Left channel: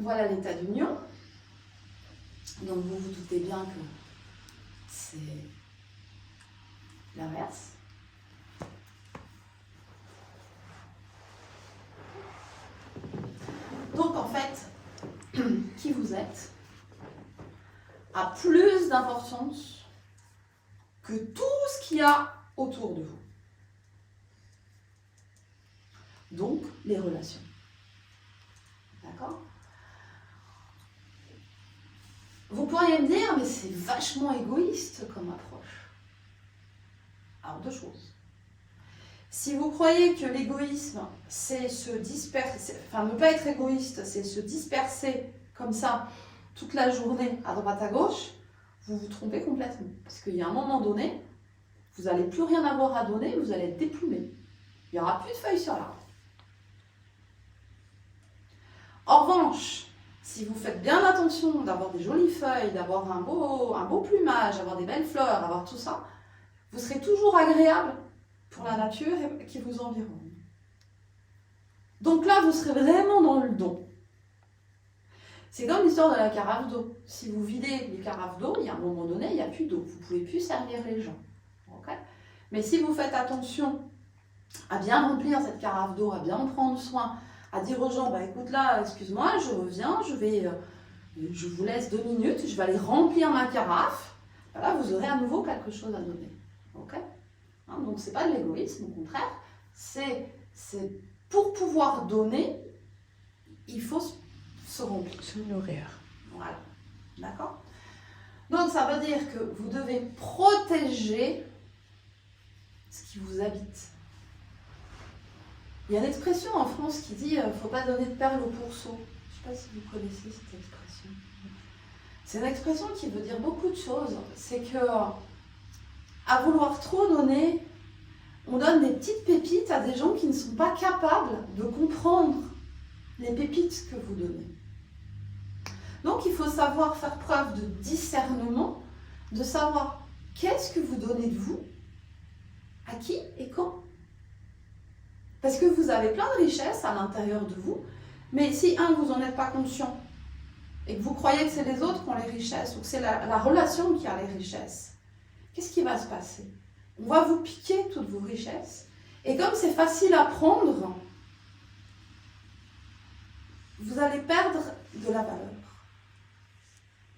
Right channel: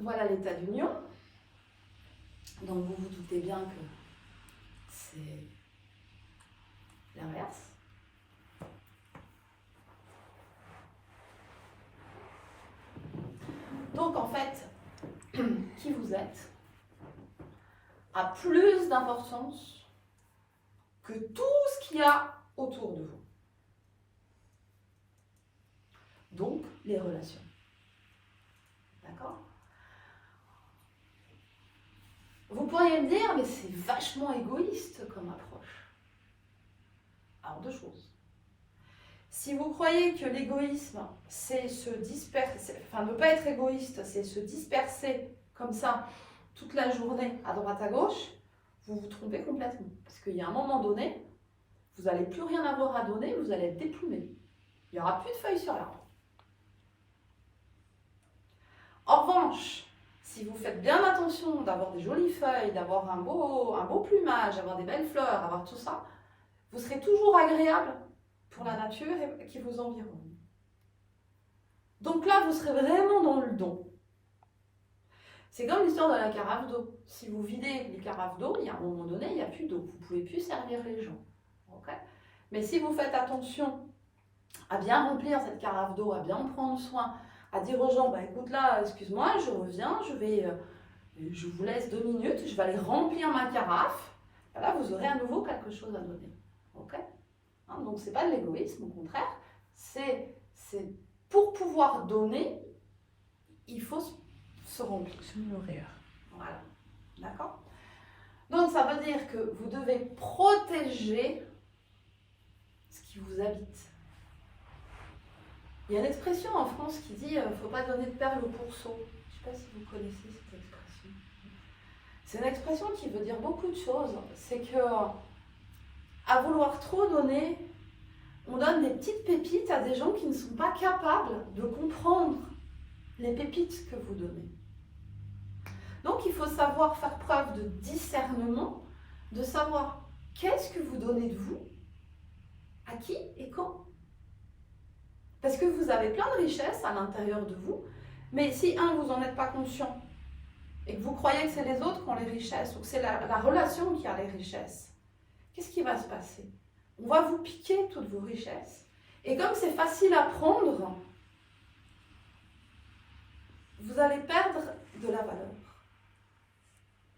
Voilà l'état d'union. Donc vous vous doutez bien que c'est l'inverse. Donc en fait, qui vous êtes a plus d'importance que tout ce qu'il y a autour de vous. Donc les relations. D'accord ? Vous pourriez me dire, mais c'est vachement égoïste comme approche. Alors, deux choses. Si vous croyez que l'égoïsme, c'est se disperser, enfin ne pas être égoïste, c'est se disperser comme ça toute la journée à droite à gauche, vous vous trompez complètement. Parce qu'il y a un moment donné, vous n'allez plus rien avoir à donner, vous allez être déplumé. Il n'y aura plus de feuilles sur l'arbre. En revanche, si vous faites bien attention d'avoir des jolies feuilles, d'avoir un beau plumage, d'avoir des belles fleurs, d'avoir tout ça, vous serez toujours agréable pour la nature qui vous environne. Donc là, vous serez vraiment dans le don. C'est comme l'histoire de la carafe d'eau. Si vous videz les carafes d'eau, il y a un moment donné, il n'y a plus d'eau. Vous ne pouvez plus servir les gens. Okay ? Mais si vous faites attention à bien remplir cette carafe d'eau, à bien en prendre soin, à dire aux gens, bah, écoute là, excuse-moi, je reviens, je vous laisse 2 minutes, je vais aller remplir ma carafe. Là, vous aurez à nouveau quelque chose à donner. Okay ? Hein, donc, ce n'est pas de l'égoïsme, au contraire. C'est pour pouvoir donner, il faut se remplir. Se nourrir. Voilà. D'accord ? Donc, ça veut dire que vous devez protéger ce qui vous habite. Il y a une expression en France qui dit « il ne faut pas donner de perles au pourceau ». Je ne sais pas si vous connaissez cette expression. C'est une expression qui veut dire beaucoup de choses. C'est que, à vouloir trop donner, on donne des petites pépites à des gens qui ne sont pas capables de comprendre les pépites que vous donnez. Donc, il faut savoir faire preuve de discernement, de savoir qu'est-ce que vous donnez de vous, à qui et quand. Parce que vous avez plein de richesses à l'intérieur de vous, mais si, vous n'en êtes pas conscient, et que vous croyez que c'est les autres qui ont les richesses, ou que c'est la relation qui a les richesses, qu'est-ce qui va se passer ? On va vous piquer toutes vos richesses, et comme c'est facile à prendre, vous allez perdre de la valeur.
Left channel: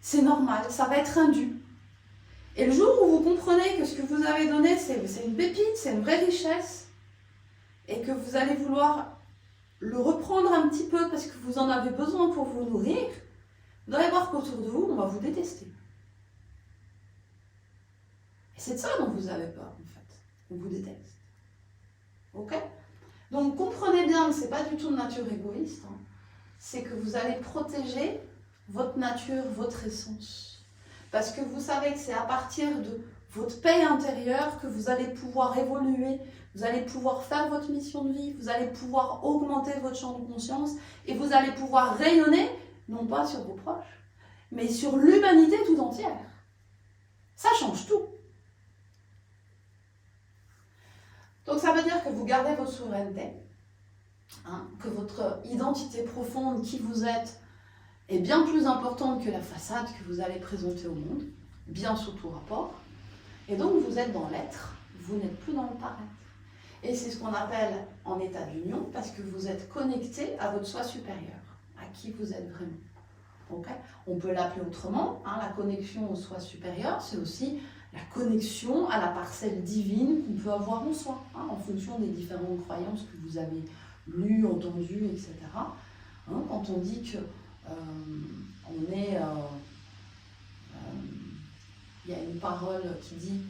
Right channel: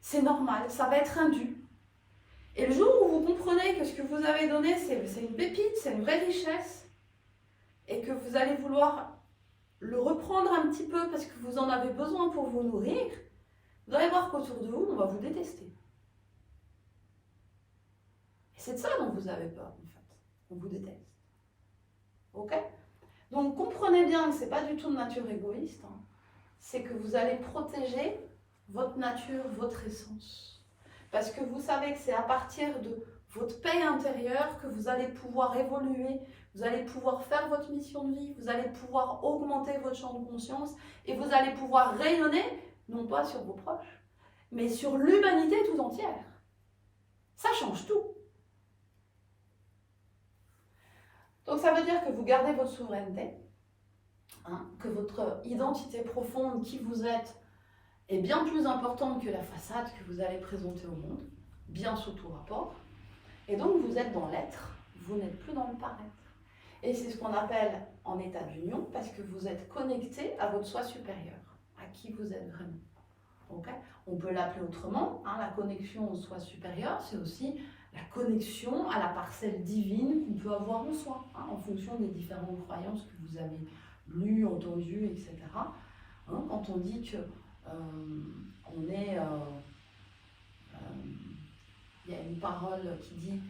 C'est normal, ça va être indu. Et le jour où vous comprenez que ce que vous avez donné, c'est une pépite, c'est une vraie richesse, et que vous allez vouloir le reprendre un petit peu parce que vous en avez besoin pour vous nourrir, vous allez voir qu'autour de vous, on va vous détester. Et c'est de ça dont vous avez peur, en fait. On vous déteste. Ok ? Donc, comprenez bien que ce n'est pas du tout de nature égoïste. Hein. C'est que vous allez protéger votre nature, votre essence. Parce que vous savez que c'est à partir de votre paix intérieure que vous allez pouvoir évoluer, vous allez pouvoir faire votre mission de vie, vous allez pouvoir augmenter votre champ de conscience et vous allez pouvoir rayonner, non pas sur vos proches, mais sur l'humanité tout entière. Ça change tout. Donc ça veut dire que vous gardez votre souveraineté, hein, que votre identité profonde, qui vous êtes, est bien plus importante que la façade que vous allez présenter au monde, bien sous tout rapport. Et donc vous êtes dans l'être, vous n'êtes plus dans le paraître. Et c'est ce qu'on appelle en état d'union, parce que vous êtes connecté à votre soi supérieur, à qui vous êtes vraiment. Okay ? On peut l'appeler autrement, hein, la connexion au soi supérieur, c'est aussi la connexion à la parcelle divine qu'on peut avoir en soi, hein, en fonction des différentes croyances que vous avez lues, entendues, etc. Hein, quand on dit que on est... il y a une parole qui dit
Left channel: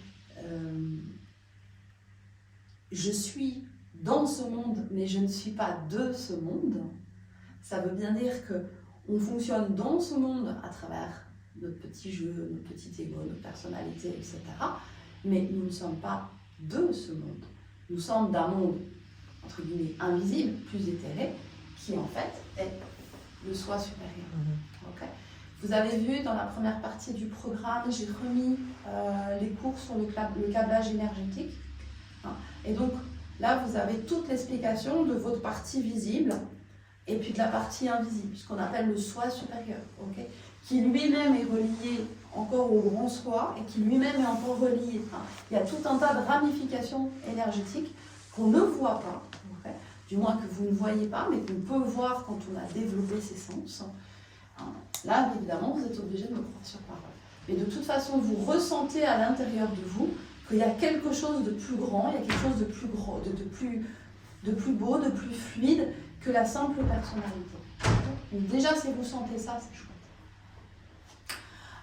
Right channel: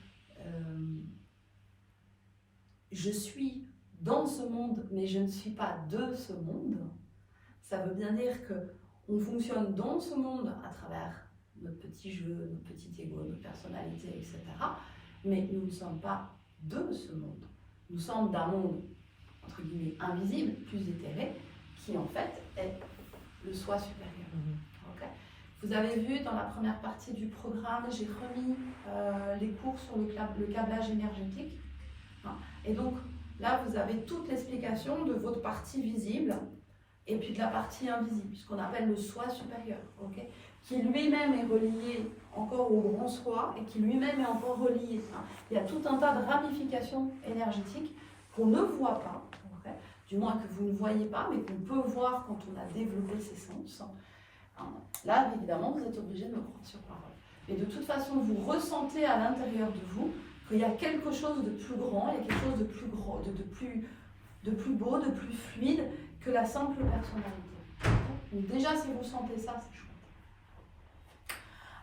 je suis dans ce monde, mais je ne suis pas de ce monde. Ça veut bien dire qu'on fonctionne dans ce monde à travers notre petit jeu, notre petit ego, notre personnalité, etc. Mais nous ne sommes pas de ce monde. Nous sommes d'un monde, entre guillemets, invisible, plus éthéré, qui en fait est le soi supérieur. Okay. Vous avez vu dans la première partie du programme, j'ai remis les cours sur le câblage énergétique. Hein. Et donc là, vous avez toute l'explication de votre partie visible et puis de la partie invisible, ce qu'on appelle le soi supérieur, ok, qui lui-même est relié encore au grand soi et qui lui-même est encore relié. Enfin, il y a tout un tas de ramifications énergétiques qu'on ne voit pas, okay, du moins que vous ne voyez pas, mais qu'on peut voir quand on a développé ses sens. Là, évidemment, vous êtes obligé de me croire sur parole. Mais de toute façon, vous ressentez à l'intérieur de vous qu'il y a quelque chose de plus grand, il y a quelque chose de plus gros, de plus beau, de plus fluide que la simple personnalité. Donc déjà, si vous sentez ça, c'est chouette.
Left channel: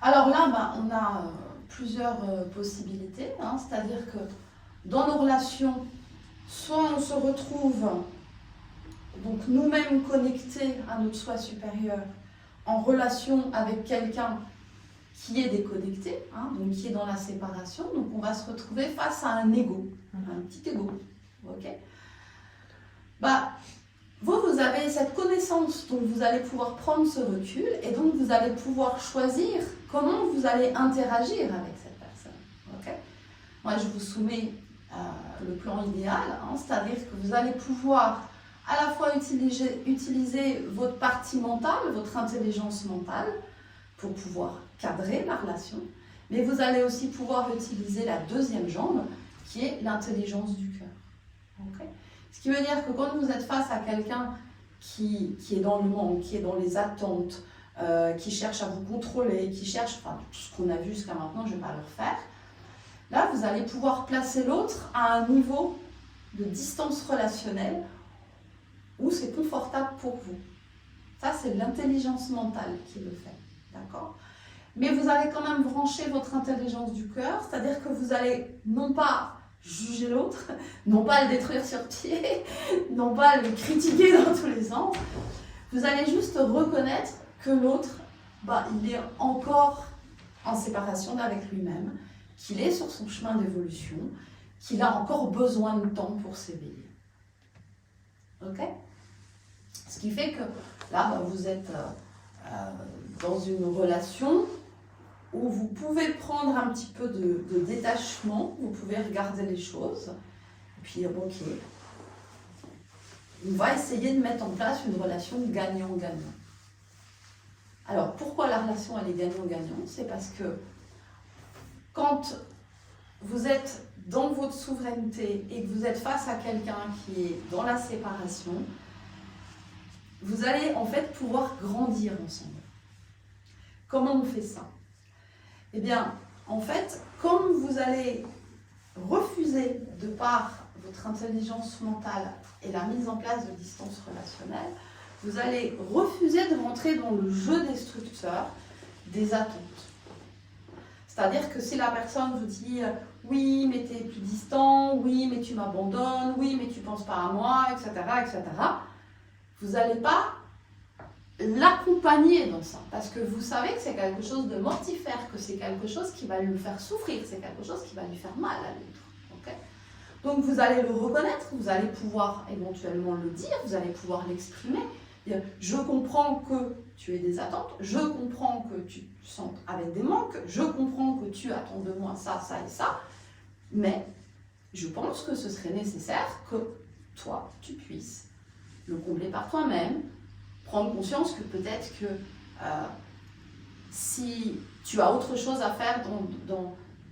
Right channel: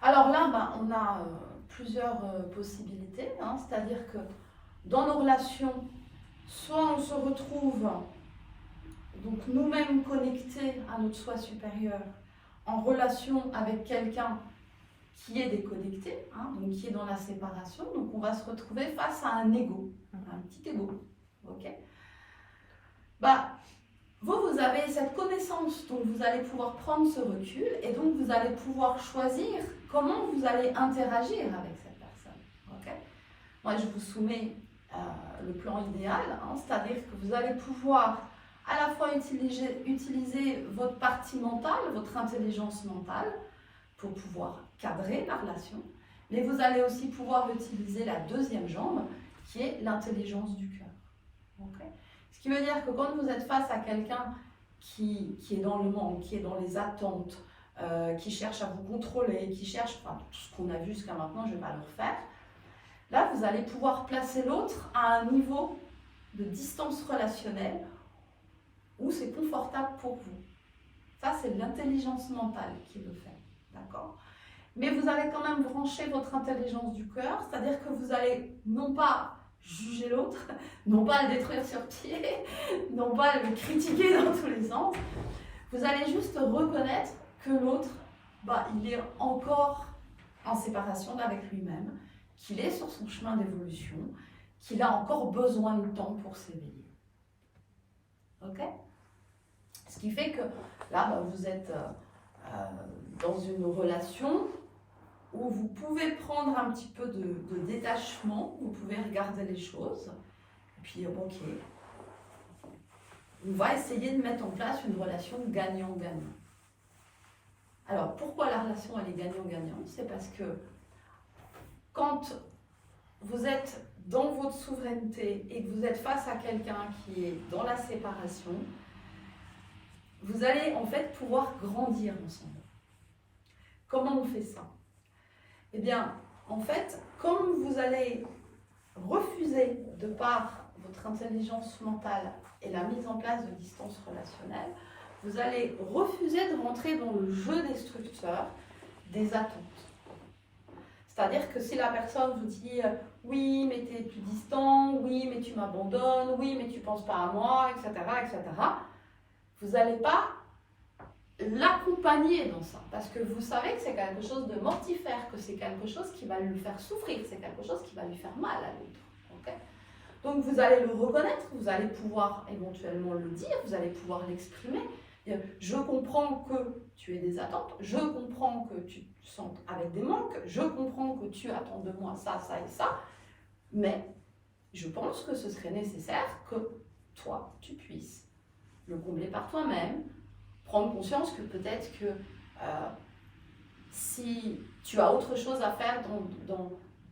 Alors là, on a plusieurs possibilités, c'est-à-dire que dans nos relations, soit on se retrouve donc nous-mêmes connectés à notre soi supérieur, en relation avec quelqu'un qui est déconnecté, donc qui est dans la séparation, donc on va se retrouver face à un ego, un petit ego, ok. Vous avez cette connaissance, donc vous allez pouvoir prendre ce recul et donc vous allez pouvoir choisir comment vous allez interagir avec cette personne. Okay. Moi, je vous soumets le plan idéal, c'est-à-dire que vous allez pouvoir à la fois utiliser votre partie mentale, votre intelligence mentale, pour pouvoir cadrer la relation, mais vous allez aussi pouvoir utiliser la deuxième jambe, qui est l'intelligence du cœur. Okay. Ce qui veut dire que quand vous êtes face à quelqu'un qui est dans le manque, qui est dans les attentes, qui cherche à vous contrôler, qui cherche, enfin tout ce qu'on a vu jusqu'à maintenant, je ne vais pas le refaire, là vous allez pouvoir placer l'autre à un niveau de distance relationnelle où c'est confortable pour vous. Ça, c'est l'intelligence mentale qui le fait, d'accord ? Mais vous allez quand même brancher votre intelligence du cœur, c'est-à-dire que vous allez non pas juger l'autre, non pas le détruire sur pied, non pas le critiquer dans tous les sens. Vous allez juste reconnaître que l'autre, il est encore en séparation avec lui-même, qu'il est sur son chemin d'évolution, qu'il a encore besoin de temps pour s'éveiller. Ok ? Ce qui fait que là, vous êtes dans une relation où vous pouvez prendre un petit peu de détachement, vous pouvez regarder les choses, et puis ok, on va essayer de mettre en place une relation gagnant-gagnant. Alors pourquoi la relation elle est gagnant-gagnant ? C'est parce que quand vous êtes dans votre souveraineté et que vous êtes face à quelqu'un qui est dans la séparation, vous allez en fait pouvoir grandir ensemble. Comment on fait ça ? Eh bien, en fait, comme vous allez refuser, de par votre intelligence mentale et la mise en place de distance relationnelle, vous allez refuser de rentrer dans le jeu destructeur des attentes. C'est-à-dire que si la personne vous dit « oui, mais tu es plus distant, oui, mais tu m'abandonnes, oui, mais tu ne penses pas à moi, etc. etc. », vous n'allez pas l'accompagner dans ça, parce que vous savez que c'est quelque chose de mortifère, que c'est quelque chose qui va lui faire souffrir, c'est quelque chose qui va lui faire mal à l'autre. Okay. Donc vous allez le reconnaître, vous allez pouvoir éventuellement le dire, vous allez pouvoir l'exprimer. Je comprends que tu aies des attentes, je comprends que tu te sentes avec des manques, je comprends que tu attends de moi ça, ça et ça, mais je pense que ce serait nécessaire que toi, tu puisses le combler par toi-même, prendre conscience que peut-être que si tu as autre chose à faire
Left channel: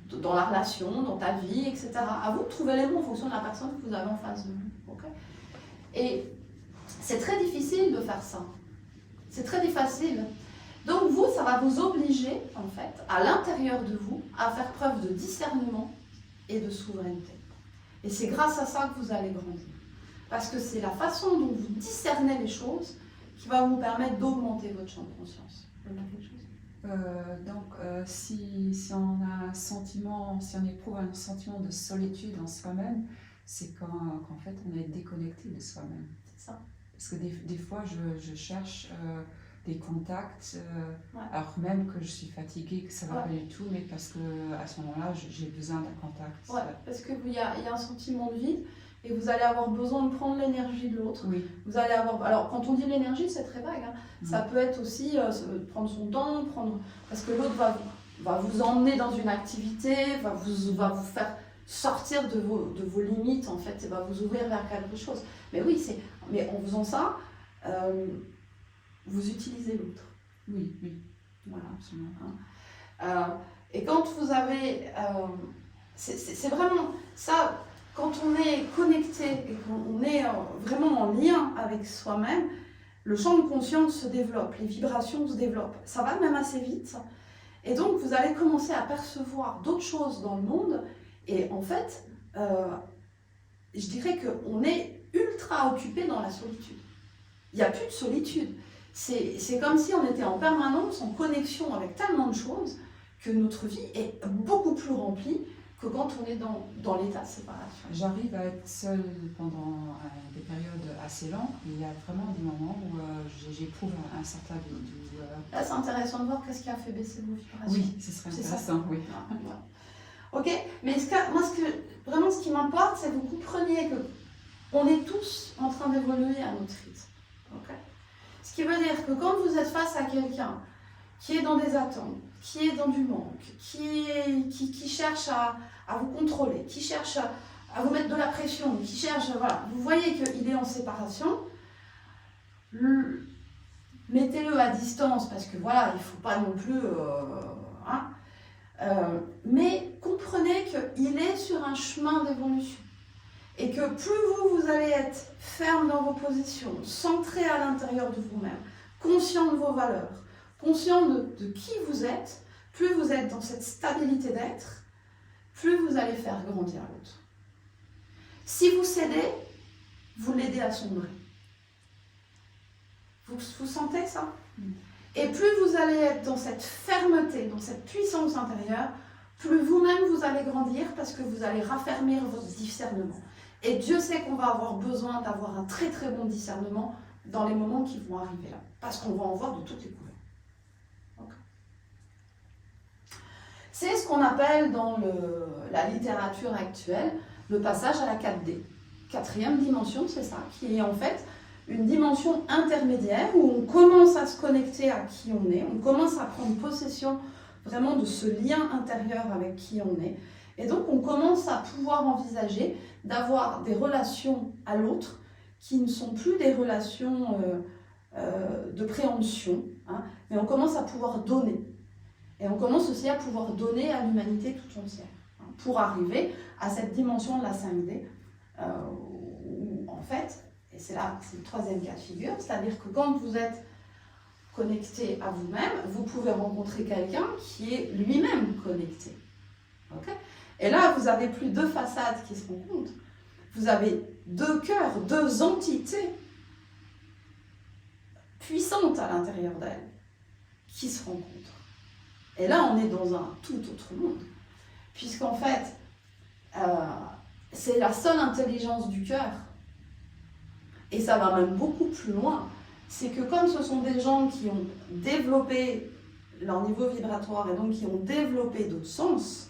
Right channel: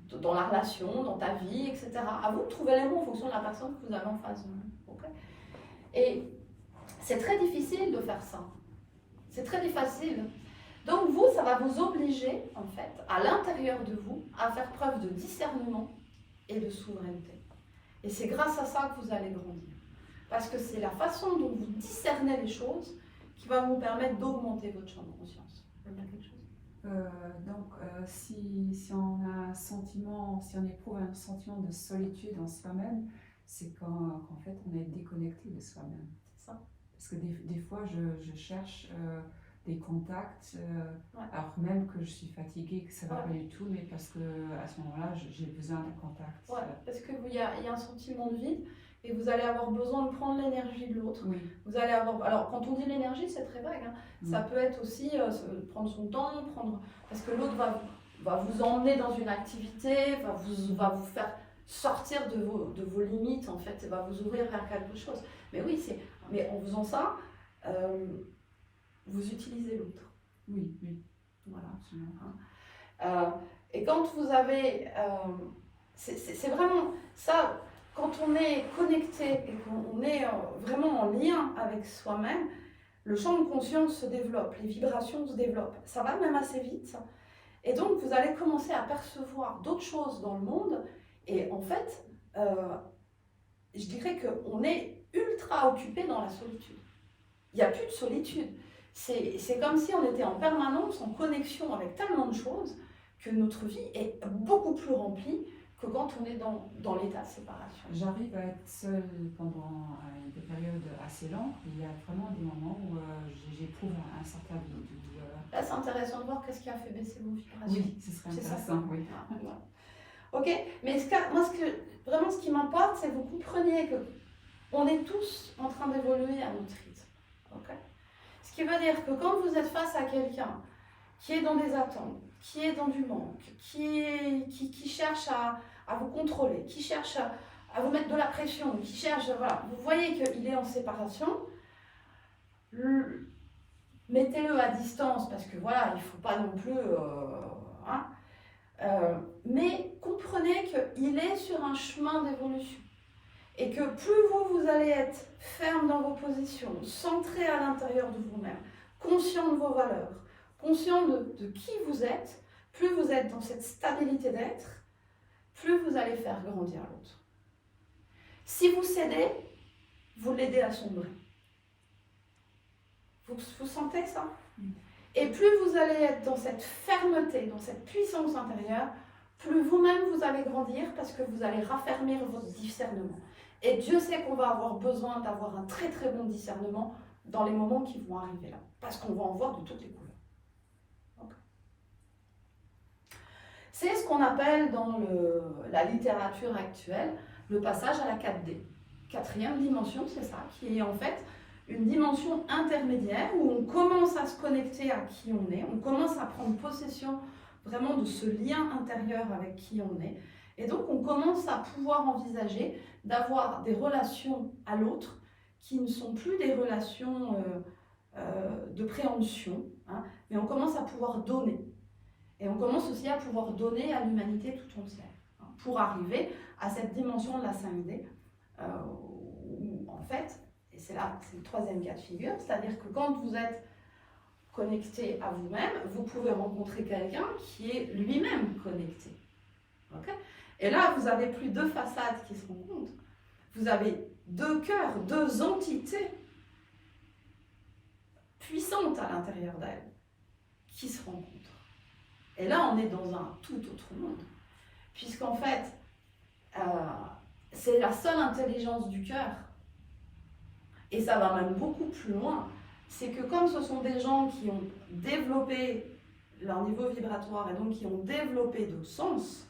dans la relation, dans ta vie, etc., à vous de trouver les mots en fonction de la personne que vous avez en face de vous. Okay. Et c'est très difficile de faire ça. C'est très difficile. Donc vous, ça va vous obliger, en fait, à l'intérieur de vous, à faire preuve de discernement et de souveraineté. Et c'est grâce à ça que vous allez grandir. Parce que c'est la façon dont vous discernez les choses qui va vous permettre d'augmenter votre champ de conscience. Vous avez quelque chose ? Si on a un sentiment, si on éprouve un sentiment de solitude en soi-même, c'est qu'en fait on est déconnecté de soi-même. C'est ça. Parce que des fois je cherche des contacts, Ouais. alors même que je suis fatiguée, que ça ne va Ouais. pas du tout, mais parce qu'à ce moment-là j'ai besoin d'un contact. Ouais, parce qu'il y a un sentiment de vide et vous allez avoir besoin de prendre l'énergie de l'autre. Oui. Vous allez avoir. Alors quand on dit l'énergie, c'est très vague. Ça peut être aussi prendre son temps, parce que l'autre va vous emmener dans une activité, va vous faire sortir de vos limites en fait, et va vous ouvrir vers quelque chose. Mais oui, mais en faisant ça, vous utilisez l'autre. Oui, oui, Voilà. absolument. Et quand vous avez... c'est vraiment ça, quand on est connecté et qu'on est vraiment en lien avec soi-même, le champ de conscience se développe, les vibrations se développent. Ça va même assez vite. Et donc, vous allez commencer à percevoir d'autres choses dans le monde. Et en fait, je dirais qu'on est ultra occupé dans la solitude. Il n'y a plus de solitude. C'est comme si on était en permanence en connexion avec tellement de choses que notre vie est beaucoup plus remplie que quand on est dans l'état de séparation. J'arrive à être seule pendant des périodes assez longues. Il y a vraiment des moments où j'éprouve un certain vide. Là, c'est intéressant de voir qu'est-ce qui a fait baisser vos vibrations. Oui, ce serait intéressant, oui. Ok, mais vraiment ce qui m'importe, c'est que vous compreniez que on est tous en train d'évoluer à notre rythme. Okay, ce qui veut dire que quand vous êtes face à quelqu'un qui est dans des attentes, qui est dans du manque, qui cherche à vous contrôler, qui cherche à vous mettre de la pression, qui cherche, voilà, vous voyez qu'il est en séparation, mettez-le à distance parce que voilà, il ne faut pas non plus... mais comprenez qu'il est sur un chemin d'évolution et que plus vous allez être ferme dans vos positions, centré à l'intérieur de vous-même, conscient de vos valeurs, conscient de qui vous êtes, plus vous êtes dans cette stabilité d'être, plus vous allez faire grandir l'autre. Si vous cédez, vous l'aidez à sombrer. Vous sentez ça ? Et plus vous allez être dans cette fermeté, dans cette puissance intérieure, plus vous-même vous allez grandir parce que vous allez raffermir votre discernement. Et Dieu sait qu'on va avoir besoin d'avoir un très très bon discernement dans les moments qui vont arriver là. Parce qu'on va en voir de toutes les couleurs. Okay. C'est ce qu'on appelle dans la littérature actuelle le passage à la 4D. Quatrième dimension, c'est ça, qui est en fait une dimension intermédiaire où on commence à se connecter à qui on est, on commence à prendre possession vraiment de ce lien intérieur avec qui on est. Et donc on commence à pouvoir envisager d'avoir des relations à l'autre qui ne sont plus des relations de préemption, hein, mais on commence à pouvoir donner. Et on commence aussi à pouvoir donner à l'humanité tout entière, hein, pour arriver à cette dimension de la 5D, où en fait, et c'est là, c'est le troisième cas de figure, c'est-à-dire que quand vous êtes connecté à vous-même, vous pouvez rencontrer quelqu'un qui est lui-même connecté. Okay, et là, vous n'avez plus deux façades qui se rencontrent. Vous avez deux cœurs, deux entités puissantes à l'intérieur d'elles qui se rencontrent. Et là, on est dans un tout autre monde. Puisqu'en fait, c'est la seule intelligence du cœur. Et ça va même beaucoup plus loin. C'est que comme ce sont des gens qui ont développé leur niveau vibratoire et donc qui ont développé d'autres sens,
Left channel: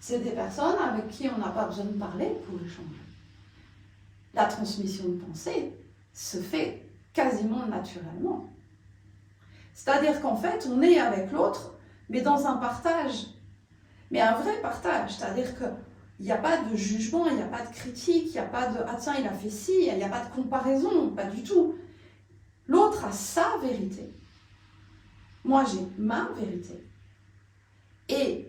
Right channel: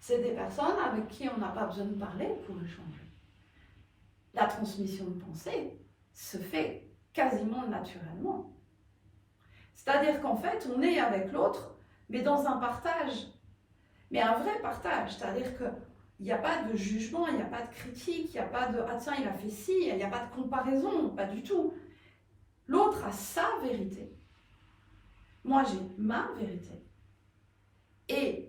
c'est des personnes avec qui on n'a pas besoin de parler pour échanger. La transmission de pensée se fait quasiment naturellement. C'est-à-dire qu'en fait, on est avec l'autre, mais dans un partage. Mais un vrai partage, c'est-à-dire qu'il n'y a pas de jugement, il n'y a pas de critique, il n'y a pas de « ah tiens, il a fait ci », il n'y a pas de comparaison, pas du tout. L'autre a sa vérité. Moi, j'ai ma vérité. Et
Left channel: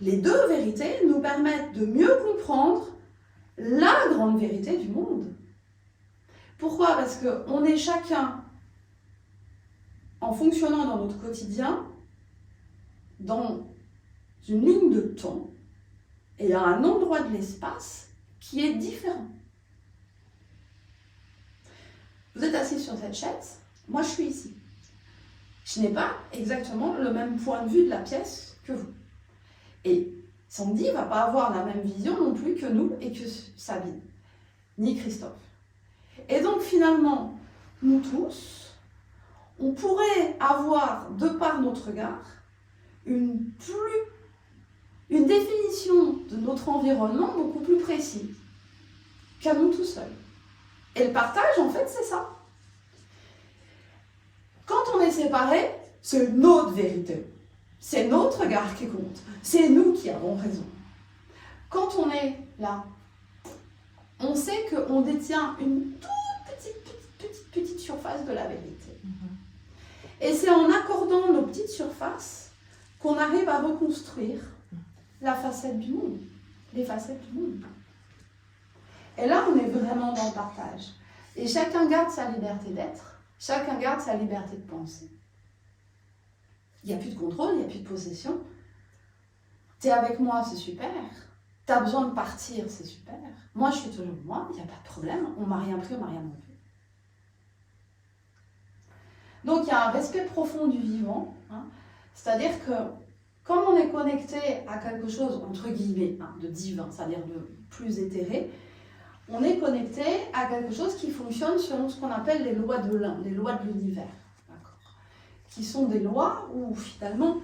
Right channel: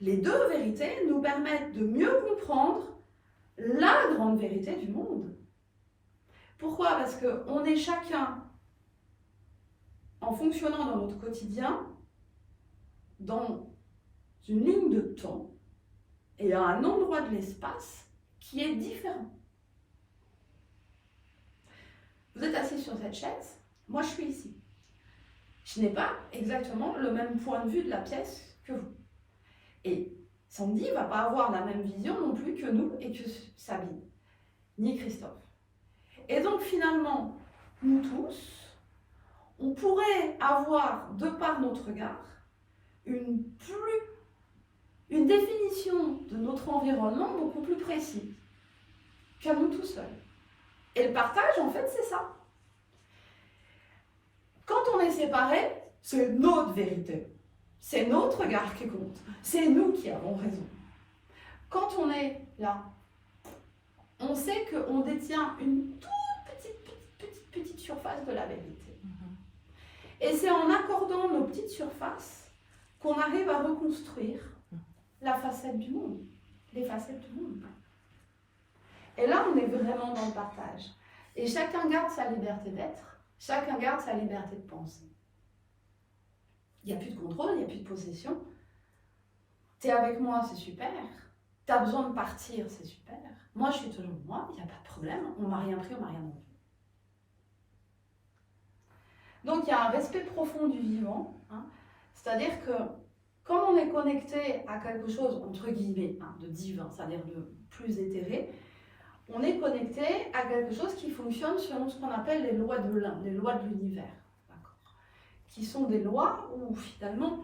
les deux vérités nous permettent de mieux comprendre la grande vérité du monde. Pourquoi ? Parce qu'on est chacun, en fonctionnant dans notre quotidien, dans une ligne de temps et à un endroit de l'espace qui est différent. Vous êtes assis sur cette chaise, moi je suis ici. Je n'ai pas exactement le même point de vue de la pièce que vous. Et Sandy ne va pas avoir la même vision non plus que nous et que Sabine, ni Christophe. Et donc finalement, nous tous, on pourrait avoir, de par notre regard, une définition de notre environnement beaucoup plus précise qu'à nous tout seuls. Et le partage, en fait, c'est ça. Quand on est séparés, c'est notre vérité. C'est notre regard qui compte. C'est nous qui avons raison. Quand on est là, on sait qu'on détient une toute petite surface surface de la vérité. Et c'est en accordant nos petites surfaces qu'on arrive à reconstruire la facette du monde, les facettes du monde. Et là, on est vraiment dans le partage. Et chacun garde sa liberté d'être, chacun garde sa liberté de penser. Il n'y a plus de contrôle, il n'y a plus de possession. Tu es avec moi, c'est super. Tu as besoin de partir, c'est super. Moi, je suis toujours moi, il n'y a pas de problème. On ne m'a rien pris, on ne m'a rien enlevé. Donc, il y a un respect profond du vivant. Hein. C'est-à-dire que, comme on est connecté à quelque chose, entre guillemets, hein, de divin, c'est-à-dire de plus éthéré, on est connecté à quelque chose qui fonctionne selon ce qu'on appelle les lois de l'un, les lois de l'univers. Qui sont des lois où, finalement,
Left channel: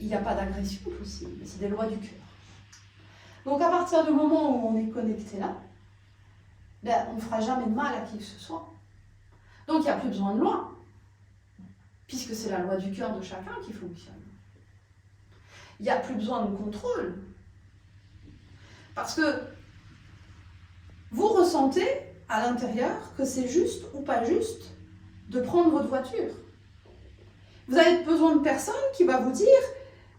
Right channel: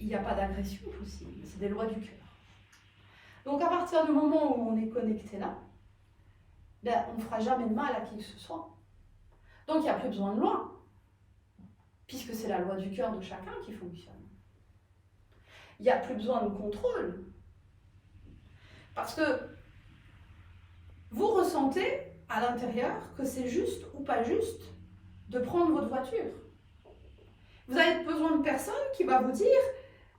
il n'y a pas d'agression possible. C'est des lois du cœur. Donc, à partir du moment où on est connecté là, ben, on ne fera jamais de mal à qui que ce soit. Donc, il n'y a plus besoin de loi, puisque c'est la loi du cœur de chacun qui fonctionne. Il n'y a plus besoin de contrôle, parce que vous ressentez à l'intérieur que c'est juste ou pas juste de prendre votre voiture. Vous avez besoin de personne qui va vous dire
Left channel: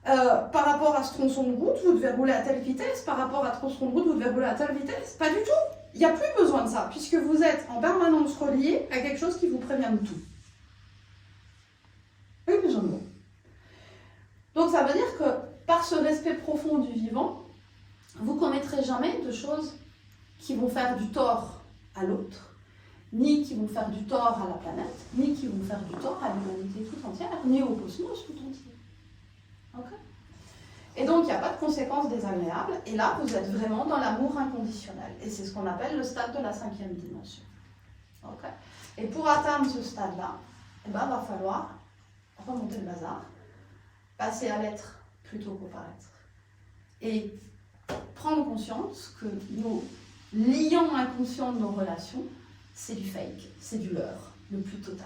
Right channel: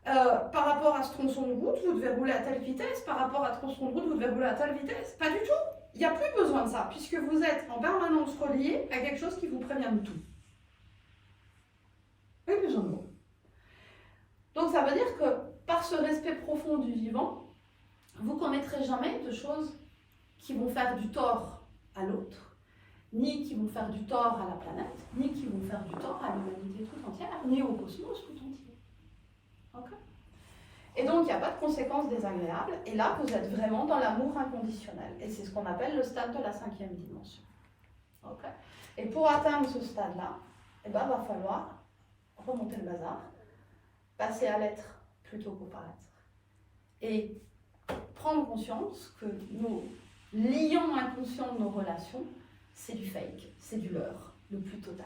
par rapport à ce tronçon de route, vous devez rouler à telle vitesse, par rapport à ce tronçon de route, vous devez rouler à telle vitesse. Pas du tout. Il n'y a plus besoin de ça, puisque vous êtes en permanence relié à quelque chose qui vous prévient de tout. Il n'y a plus besoin de mots. Donc ça veut dire que par ce respect profond du vivant, vous ne commettrez jamais de choses qui vont faire du tort à l'autre, ni qui vont faire du tort à la planète, ni qui vont faire du tort à l'humanité tout entière, ni au cosmos tout entier. Okay. Et donc, il n'y a pas de conséquences désagréables, et là, vous êtes vraiment dans l'amour inconditionnel. Et c'est ce qu'on appelle le stade de la 5e dimension. Okay. Et pour atteindre ce stade-là, eh ben, va falloir remonter le bazar, passer à l'être plutôt qu'au paraître. Et prendre conscience que nos liants inconscients de nos relations, c'est du fake, c'est du leurre, le plus total.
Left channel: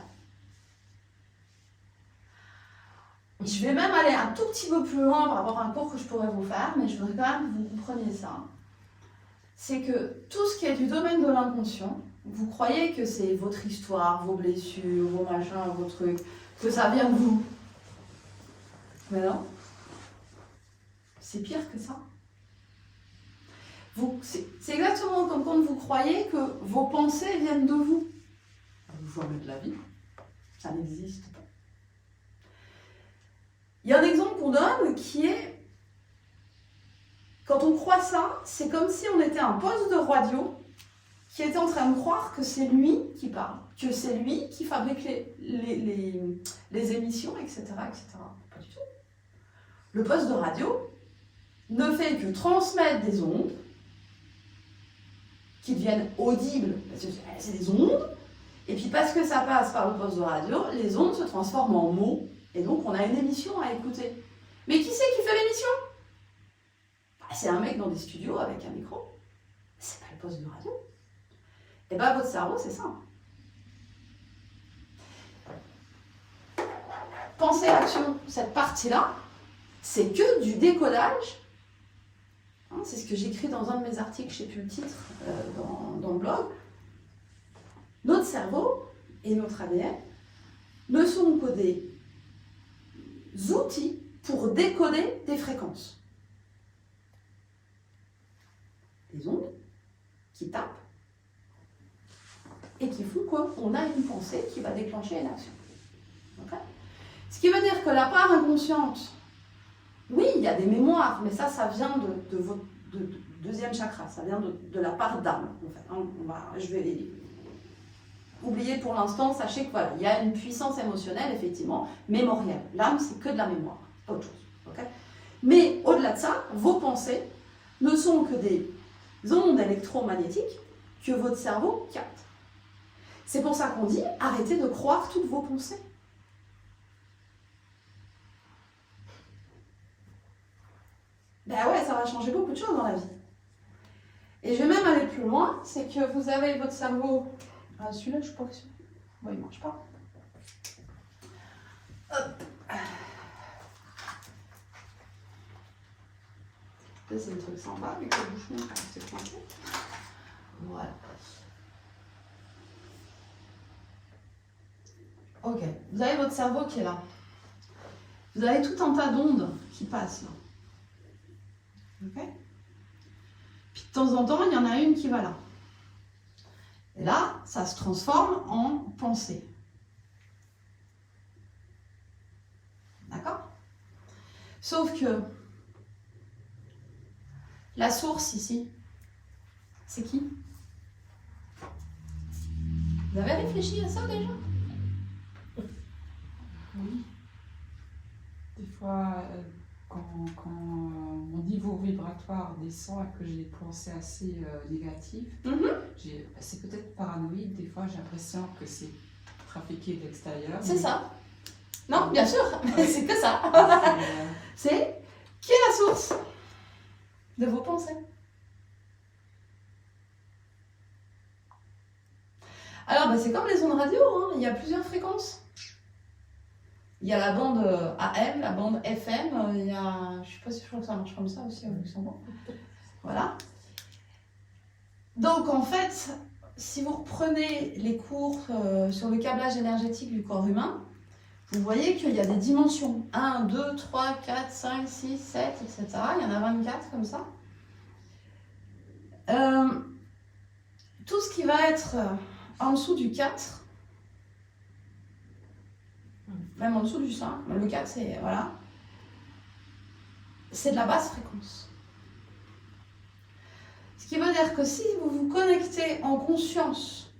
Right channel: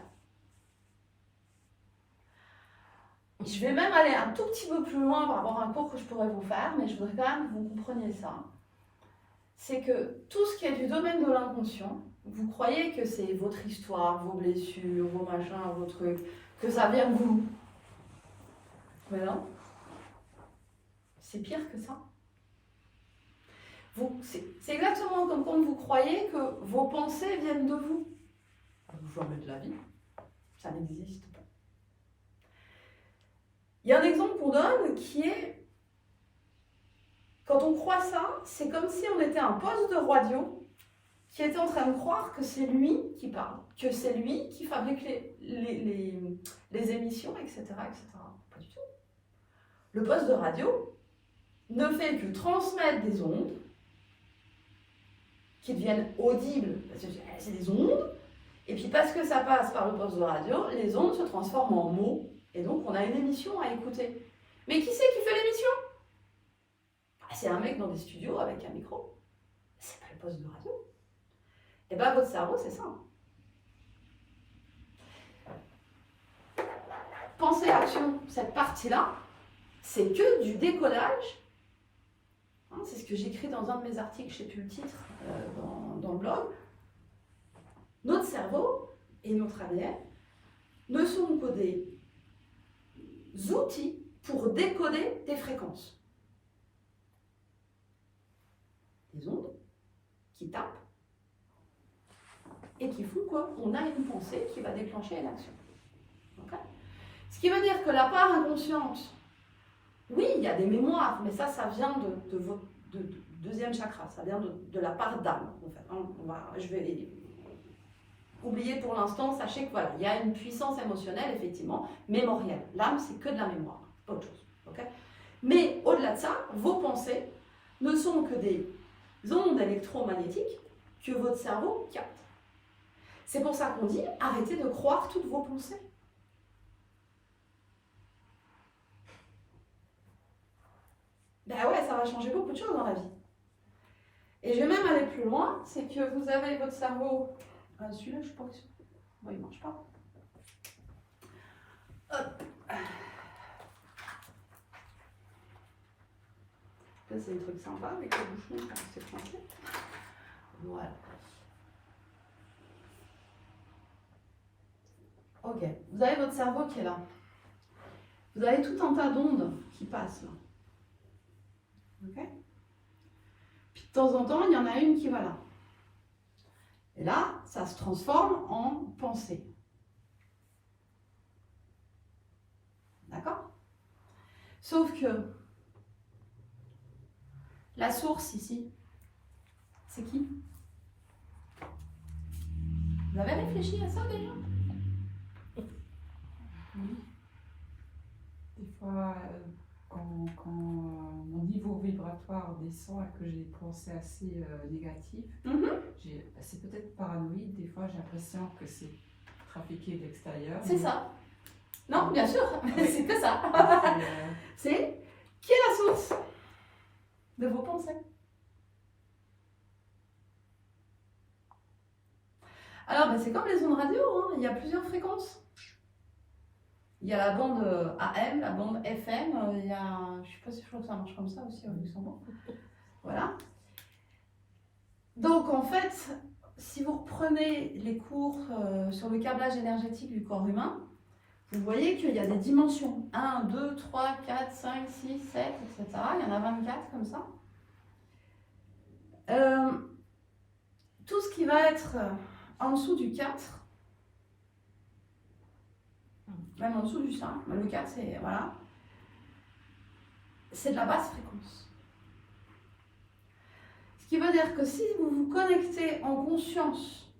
Je vais même aller un tout petit peu plus loin par rapport à un cours que je pourrais vous faire, mais je voudrais quand même que vous compreniez ça. C'est que tout ce qui est du domaine de l'inconscient, vous croyez que c'est votre histoire, vos blessures, vos machins, vos trucs, que ça vient de vous. Mais non, c'est pire que ça. C'est exactement comme quand vous croyez que vos pensées viennent de vous. Vous jamais de la vie, ça n'existe pas. Il y a un exemple qu'on donne qui est, quand on croit ça, c'est comme si on était un poste de radio qui était en train de croire que c'est lui qui parle, que c'est lui qui fabrique les émissions, etc., etc. Pas du tout. Le poste de radio ne fait que transmettre des ondes qui deviennent audibles, parce que c'est des ondes, et puis parce que ça passe par le poste de radio, les ondes se transforment en mots, et donc on a une émission à écouter. Mais qui c'est qui fait l'émission? C'est un mec dans des studios avec un micro. C'est pas le poste de radio. Et bien votre cerveau, c'est ça. Pensée, action, cette partie-là, c'est que du décodage. Hein, c'est ce que j'écris dans un de mes articles, je ne sais plus le titre, dans le blog. Notre cerveau et notre ADN ne sont que des outils pour décoder des fréquences. Des ondes qui tapent et qui font qu'on a une pensée qui va déclencher une action. Okay. Ce qui veut dire que la part inconsciente, oui, il y a des mémoires, mais ça vient de votre deuxième chakra, ça vient de la part d'âme. En fait. Je vais oublier pour l'instant, sachez que voilà, il y a une puissance émotionnelle, effectivement, mémorielle. L'âme, c'est que de la mémoire, pas autre chose. Okay. Mais au-delà de ça, vos pensées ne sont que des ondes électromagnétiques que votre cerveau capte. C'est pour ça qu'on dit, arrêtez de croire toutes vos pensées. Ben ouais, ça va changer beaucoup de choses dans la vie. Et je vais même aller plus loin, c'est que vous avez votre cerveau... Ah, celui-là, je pense... Bon, il ne marche pas. Hop. Ça, c'est un truc sympa avec le bouchon qui s'est coincé. Voilà. Ok, vous avez votre cerveau qui est là. Vous avez tout un tas d'ondes qui passent là. Ok. Puis de temps en temps, il y en a une qui va là. Et là, ça se transforme en pensée. D'accord? Sauf que la source ici, c'est qui? Vous avez réfléchi à ça déjà? Oui. Des fois, quand mon niveau vibratoire descend et que j'ai des pensées assez négatives, c'est peut-être paranoïde. Des fois, j'ai l'impression que c'est trafiqué de l'extérieur. C'est ça. Non, bien sûr, mais c'est que ça. C'est qui est la source de vos pensées? Alors, bah, c'est comme les ondes radio, hein. Il y a plusieurs fréquences. Il y a la bande AM, la bande FM, il y a... Je sais pas si je crois que ça marche comme ça aussi au Luxembourg. Voilà. Donc, en fait, si vous reprenez les cours sur le câblage énergétique du corps humain, vous voyez qu'il y a des dimensions. 1, 2, 3, 4, 5, 6, 7, etc. Il y en a 24 comme ça. Tout ce qui va être en dessous du 4, même en dessous du 5, le 4 c'est voilà, c'est de la basse fréquence. Ce qui veut dire que si vous vous connectez en conscience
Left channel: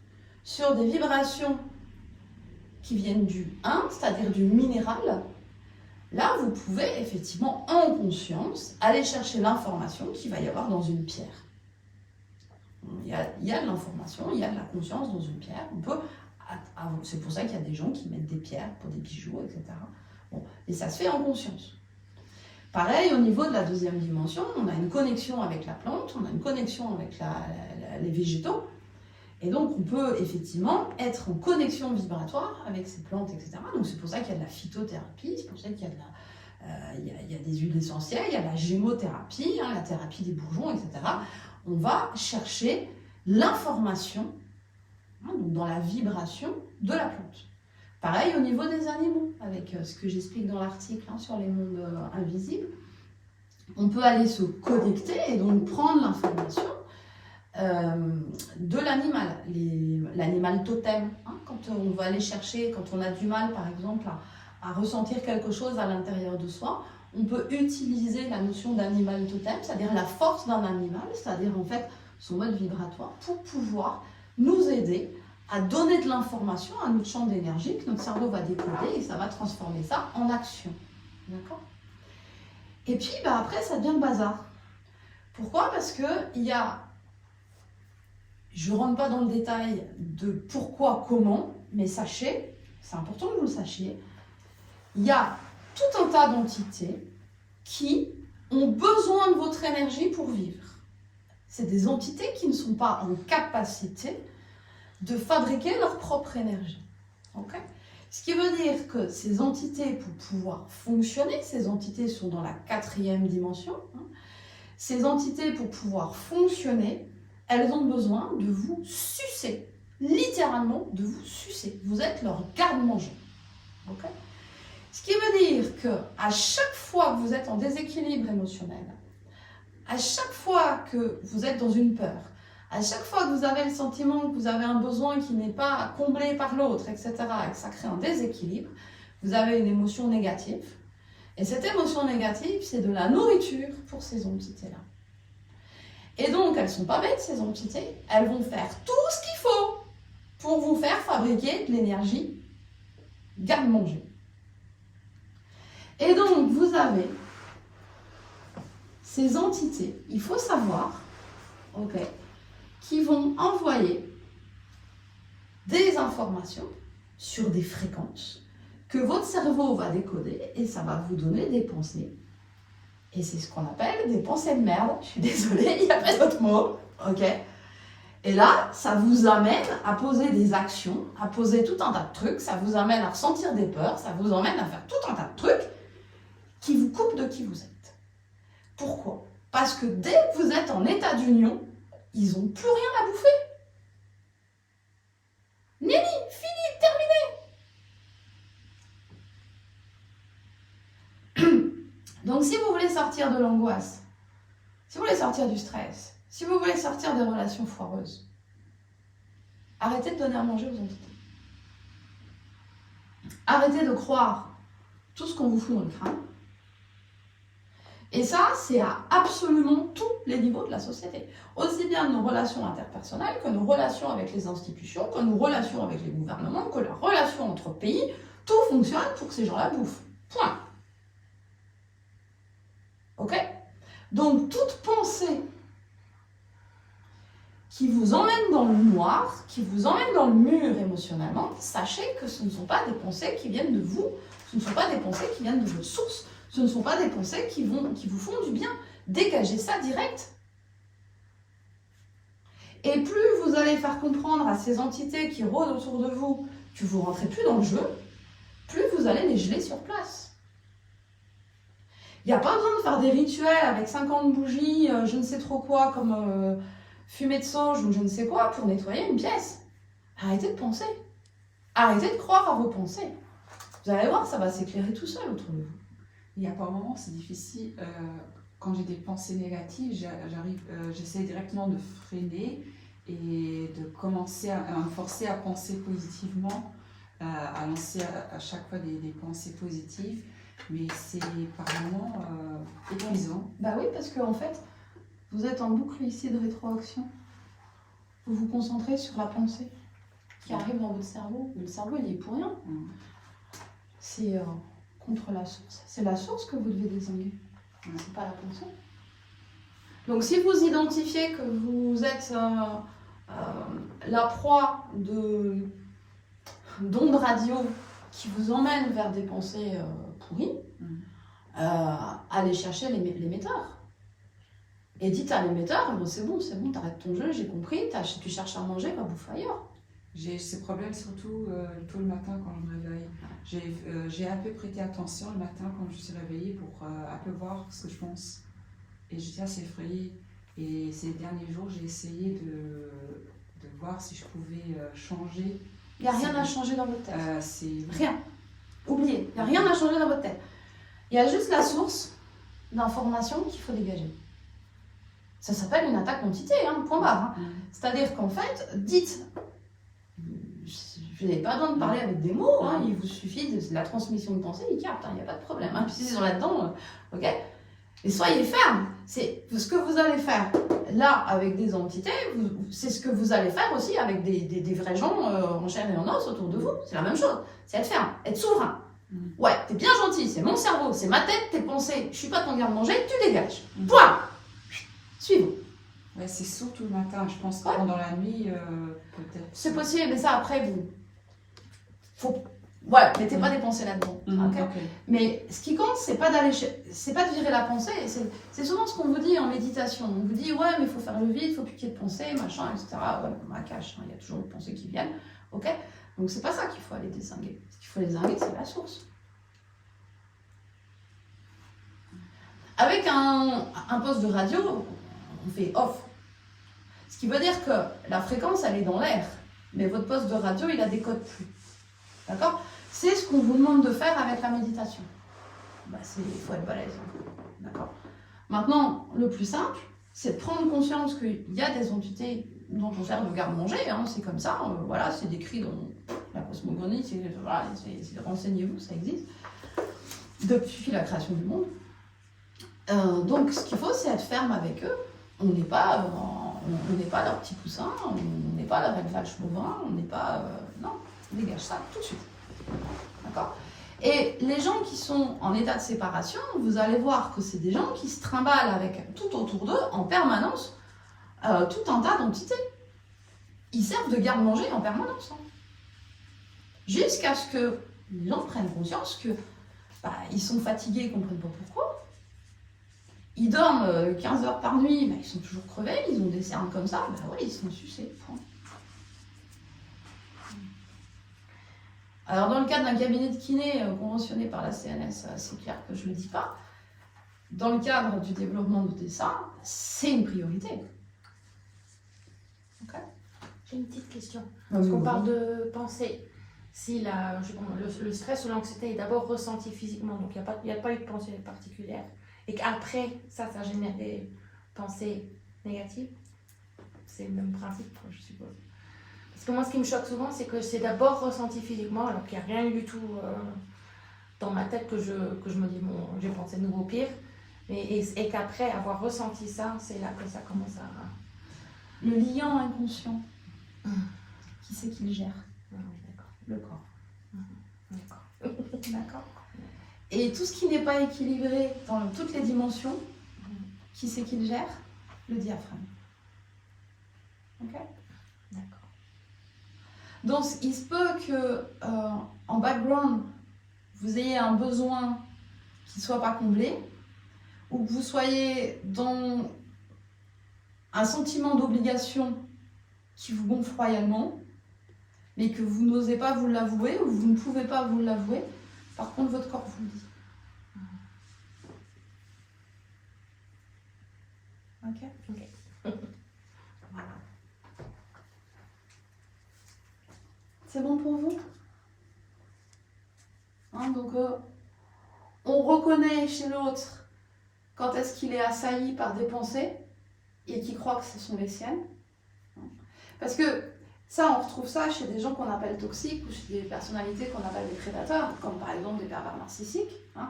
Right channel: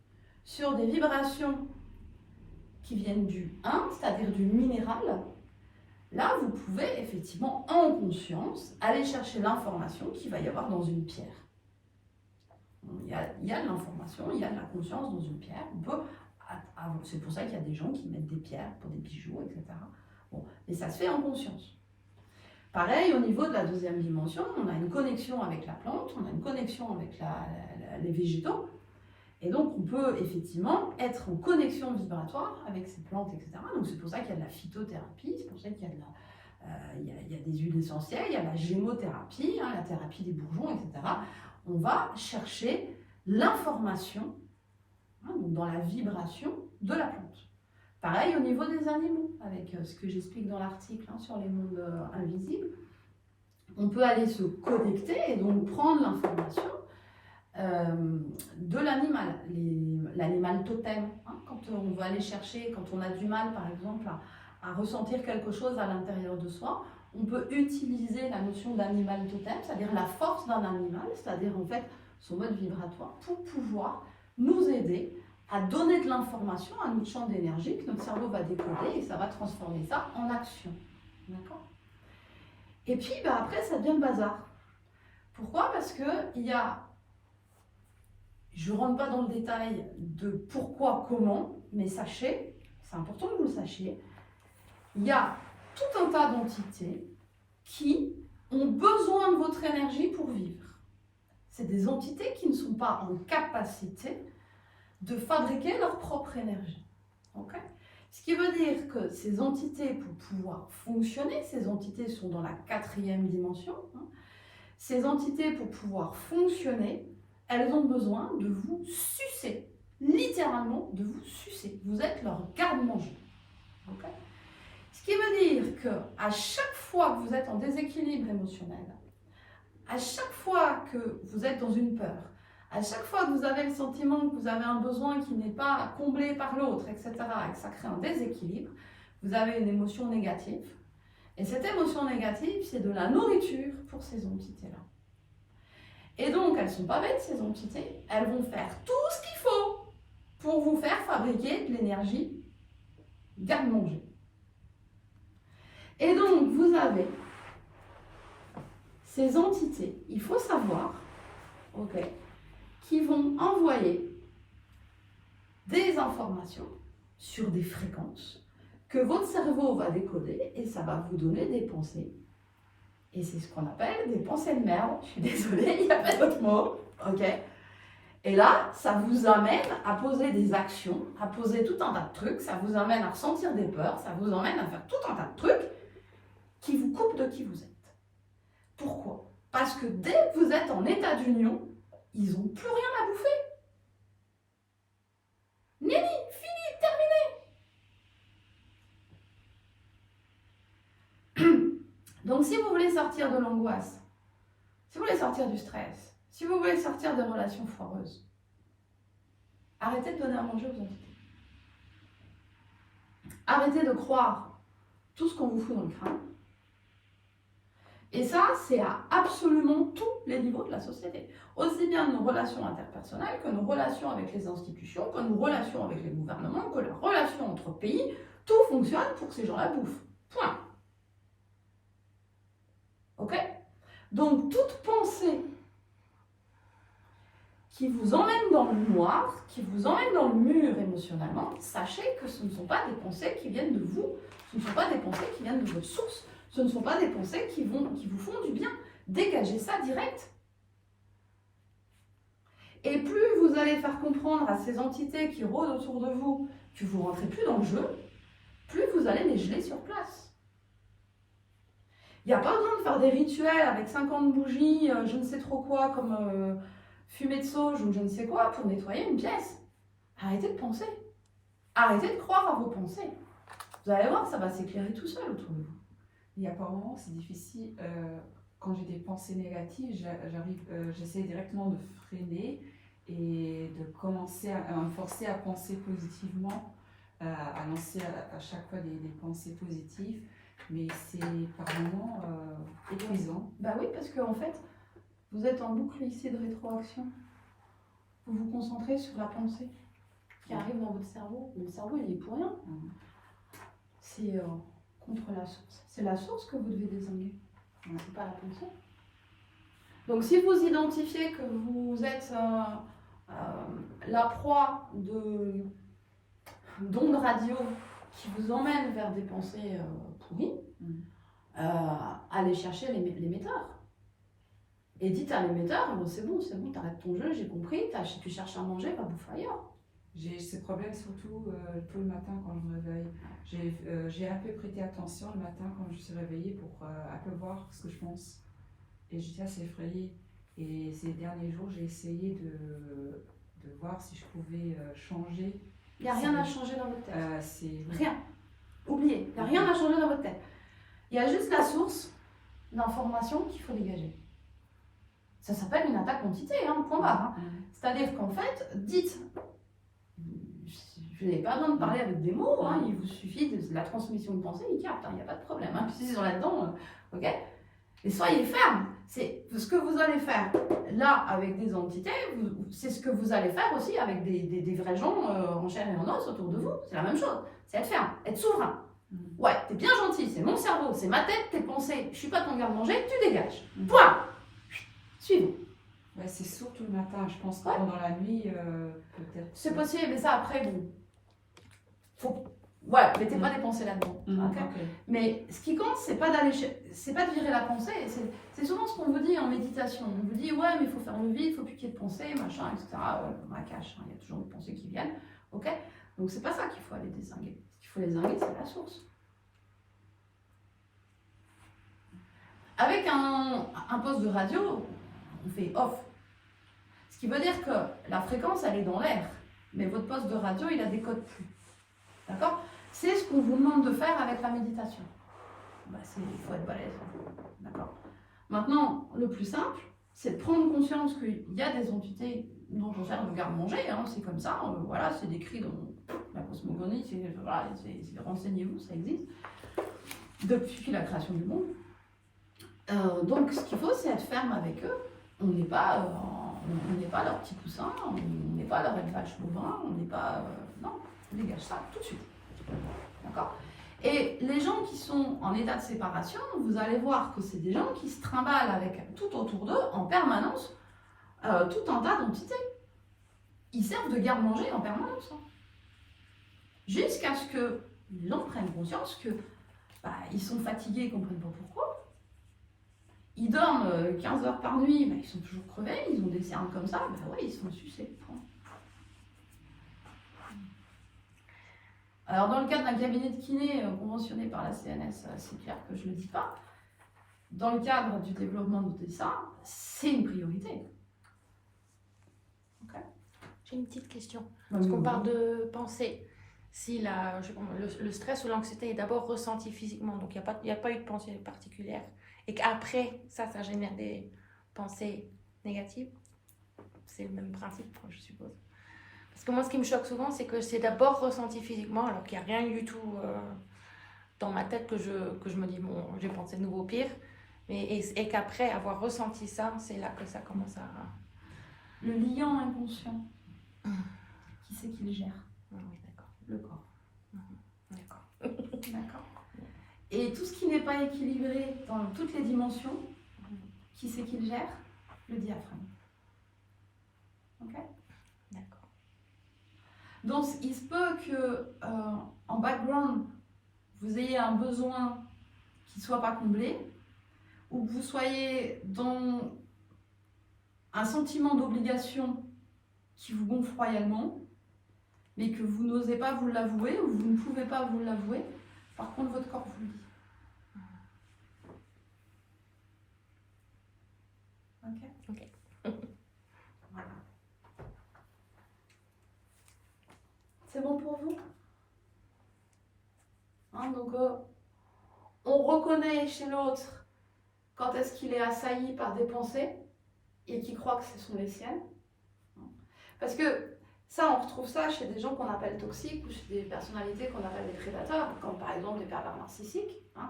sur des vibrations qui viennent du 1, c'est-à-dire du minéral, là vous pouvez effectivement en conscience aller chercher l'information qu'il va y avoir dans une pierre. Il y a de l'information, il y a de la conscience dans une pierre. On peut, c'est pour ça qu'il y a des gens qui mettent des pierres pour des bijoux, etc. Bon, et ça se fait en conscience. Pareil, au niveau de la deuxième dimension, on a une connexion avec la plante, on a une connexion avec les végétaux. Et donc, on peut effectivement être en connexion vibratoire avec ces plantes, etc. Donc, c'est pour ça qu'il y a de la phytothérapie, c'est pour ça qu'il y a, il y a des huiles essentielles, il y a la gémothérapie, hein, la thérapie des bourgeons, etc. On va chercher l'information donc dans la vibration de la plante. Pareil au niveau des animaux, avec ce que j'explique dans l'article sur les mondes invisibles. On peut aller se connecter et donc prendre l'information de l'animal, l'animal totem. Quand on va aller chercher, quand on a du mal par exemple à ressentir quelque chose à l'intérieur de soi, on peut utiliser la notion d'animal totem, c'est-à-dire la force d'un animal, c'est-à-dire en fait son mode vibratoire, pour pouvoir nous aider à donner de l'information à notre champ d'énergie que notre cerveau va décoder et ça va transformer ça en action. D'accord ? Et puis après, ça devient le bazar. Pourquoi ? Parce que je ne rentre pas dans le détail de pourquoi, comment, mais sachez, c'est important que vous le sachiez, il y a tout un tas d'entités qui ont besoin de votre énergie pour vivre. C'est des entités qui ne sont pas en capacité de fabriquer leur propre énergie. Okay ? Ce qui veut dire que ces entités, pour pouvoir fonctionner, ces entités sont dans la 4e dimension, ces entités, pour pouvoir fonctionner, elles ont besoin de vous sucer, littéralement de vous sucer. Vous êtes leur garde-manger. Okay ? Ce qui veut dire qu'à chaque fois que vous êtes en déséquilibre émotionnel, à chaque fois que vous êtes dans une peur, à chaque fois que vous avez le sentiment que vous avez un besoin qui n'est pas comblé par l'autre, etc., et que ça crée un déséquilibre, vous avez une émotion négative. Et cette émotion négative, c'est de la nourriture pour ces entités-là. Et donc, elles ne sont pas bêtes, ces entités. Elles vont faire tout ce qu'il faut pour vous faire fabriquer de l'énergie garde-manger. Et donc, vous avez ces entités, il faut savoir, qui vont envoyer des informations sur des fréquences que votre cerveau va décoder et ça va vous donner des pensées. Et c'est ce qu'on appelle des pensées de merde. Je suis désolée, il n'y a pas d'autre mot. Et là, ça vous amène à poser des actions, à poser tout un tas de trucs, ça vous amène à ressentir des peurs, ça vous amène à faire tout un tas de trucs qui vous coupent de qui vous êtes. Pourquoi ? Parce que dès que vous êtes en état d'union, ils n'ont plus rien à bouffer. Nini, fini, terminé. Donc si vous voulez sortir de l'angoisse, si vous voulez sortir du stress, si vous voulez sortir des relations foireuses, arrêtez de donner à manger aux entités. Arrêtez de croire tout ce qu'on vous fout dans le crâne. Et ça, c'est à absolument tous les niveaux de la société. Aussi bien nos relations interpersonnelles que nos relations avec les institutions, que nos relations avec les gouvernements, que la relation entre pays, tout fonctionne pour que ces gens-là bouffent. Point. Ok? Donc, toute pensée qui vous emmène dans le noir, qui vous emmène dans le mur émotionnellement, sachez que ce ne sont pas des pensées qui viennent de vous, ce ne sont pas des pensées qui viennent de votre source, ce ne sont pas des pensées qui vous font du bien. Dégagez ça direct. Et plus vous allez faire comprendre à ces entités qui rôdent autour de vous que vous ne rentrez plus dans le jeu, plus vous allez les geler sur place. Il n'y a pas besoin de faire des rituels avec 50 bougies, je ne sais trop quoi, comme fumée de sauge ou je ne sais quoi, pour nettoyer une pièce. Arrêtez de penser. Arrêtez de croire à vos pensées. Vous allez voir, ça va s'éclairer tout seul autour de vous. Il y a par moments, c'est difficile. Quand j'ai des pensées négatives, j'essaie directement de freiner et de commencer à me forcer à penser positivement, à lancer à chaque fois des pensées positives. Mais c'est par moments épuisant. Bah oui, parce qu'en fait, vous êtes en boucle ici de rétroaction. Vous vous concentrez sur la pensée qui arrive dans votre cerveau. Le cerveau, il est pour rien. C'est contre la source. C'est la source que vous devez désinguer. C'est pas la pensée. Donc si vous identifiez que vous êtes la proie d'ondes radio qui vous emmènent vers des pensées pourries, allez chercher l'émetteur. Et dites à l'émetteur, bon, c'est bon, t'arrêtes ton jeu, j'ai compris, tu cherches à manger, va bouffer ailleurs. J'ai ce problème surtout tôt le matin quand je me réveille. J'ai un peu prêté attention le matin quand je suis réveillée pour un peu voir ce que je pense. Et j'étais assez effrayée. Et ces derniers jours, j'ai essayé de voir si je pouvais changer. Il n'y a rien à changer dans votre tête. C'est... Rien. Oubliez, il n'y a rien à changer dans votre tête. Il y a juste la source d'information qu'il faut dégager. Ça s'appelle une attaque d'entité, point barre. C'est-à-dire qu'en fait, dites, je n'avez pas besoin de parler avec des mots, il vous suffit de la transmission de pensée, il capte, il n'y a pas de problème. Puis s'ils sont là-dedans, ok. Et soyez ferme. C'est ce que vous allez faire là avec des entités, c'est ce que vous allez faire aussi avec des vrais gens en chair et en os autour de vous. C'est la même chose. C'est être ferme, être souverain. Ouais, t'es bien gentil, c'est mon cerveau, c'est ma tête, tes pensées. Je suis pas ton garde-manger, tu dégages. Point. Suivons. Ouais, c'est surtout le matin, je pense que pendant la nuit, peut-être. C'est possible, mais ça après, vous. Faut. Voilà, mettez pas des pensées là-dedans. Okay. Mais ce qui compte, c'est pas de virer la pensée. C'est souvent ce qu'on vous dit en méditation. On vous dit, ouais, mais il faut faire le vide, il faut plus qu'il y ait de pensée, machin, etc. Ouais, macache, il y a toujours des pensées qui viennent. Ok. Donc c'est pas ça qu'il faut aller dézinguer. Ce qu'il faut dézinguer, c'est la source. Avec un poste de radio, on fait off. Ce qui veut dire que la fréquence, elle est dans l'air. Mais votre poste de radio, il a des codes plus. D'accord ? C'est ce qu'on vous demande de faire avec la méditation. Il faut être balèze. D'accord ? Maintenant, le plus simple, c'est de prendre conscience qu'il y a des entités dont on sert de garde-manger. C'est comme ça. Voilà, c'est décrit dans la cosmogonie. Renseignez-vous, ça existe. Depuis la création du monde. Donc, ce qu'il faut, c'est être ferme avec eux. On n'est pas leur petit coussin, on n'est pas leur élevage bovin, on n'est pas... non, on dégage ça tout de suite. D'accord ? Et les gens qui sont en état de séparation, vous allez voir que c'est des gens qui se trimballent avec tout autour d'eux, en permanence, tout un tas d'entités. Ils servent de garde-manger en permanence. Jusqu'à ce que les gens prennent conscience que ils sont fatigués, ils ne comprennent pas pourquoi. Ils dorment 15 heures par nuit, ils sont toujours crevés, ils ont des cernes comme ça, ils se font sucer. Alors dans le cadre d'un cabinet de kiné conventionné par la CNS, c'est clair que je ne le dis pas. Dans le cadre du développement de ça, c'est une priorité. Okay. J'ai une petite question. Parce qu'on parle de pensée. Si le stress ou l'anxiété est d'abord ressenti physiquement, donc il n'y a pas eu de pensée particulière. et qu'après, ça génère des pensées négatives. C'est le même principe, je suppose. Parce que moi, ce qui me choque souvent, c'est que c'est d'abord ressenti physiquement, alors qu'il n'y a rien du tout dans ma tête que je me dis, bon, j'ai pensé de nouveau pire. Et qu'après avoir ressenti ça, c'est là que ça commence à... Le lien inconscient, qui c'est qui le gère? Le corps. D'accord. Et tout ce qui n'est pas équilibré dans toutes les dimensions, qui c'est qui le gère? Le diaphragme. Ok? D'accord. Donc il se peut que en background, vous ayez un besoin qui ne soit pas comblé, ou que vous soyez dans un sentiment d'obligation qui vous gonfle royalement, mais que vous n'osez pas vous l'avouer, ou vous ne pouvez pas vous l'avouer. Par contre, votre corps vous le dit. Ok. Voilà. C'est bon pour vous? Hein, donc, on reconnaît chez l'autre quand est-ce qu'il est assailli par des pensées et qu'il croit que ce sont les siennes. Parce que ça, on retrouve ça chez des gens qu'on appelle toxiques ou chez des personnalités qu'on appelle des prédateurs, comme par exemple des pervers narcissiques. Hein.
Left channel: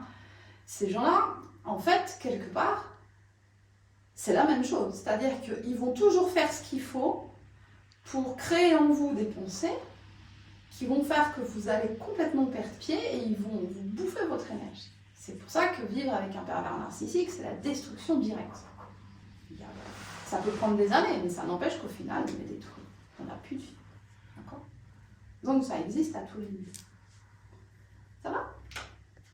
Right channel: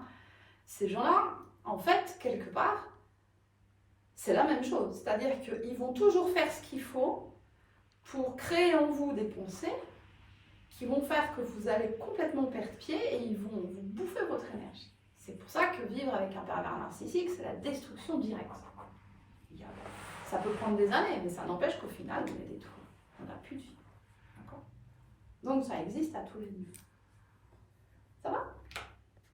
Ces gens-là, en fait, quelque part, c'est la même chose. C'est-à-dire qu'ils vont toujours faire ce qu'il faut pour créer en vous des pensées qui vont faire que vous allez complètement perdre pied et ils vont vous bouffer votre énergie. C'est pour ça que vivre avec un pervers narcissique, c'est la destruction directe. Ça peut prendre des années, mais ça n'empêche qu'au final, on est détruit. On n'a plus de vie. D'accord? Donc ça existe à tous les niveaux.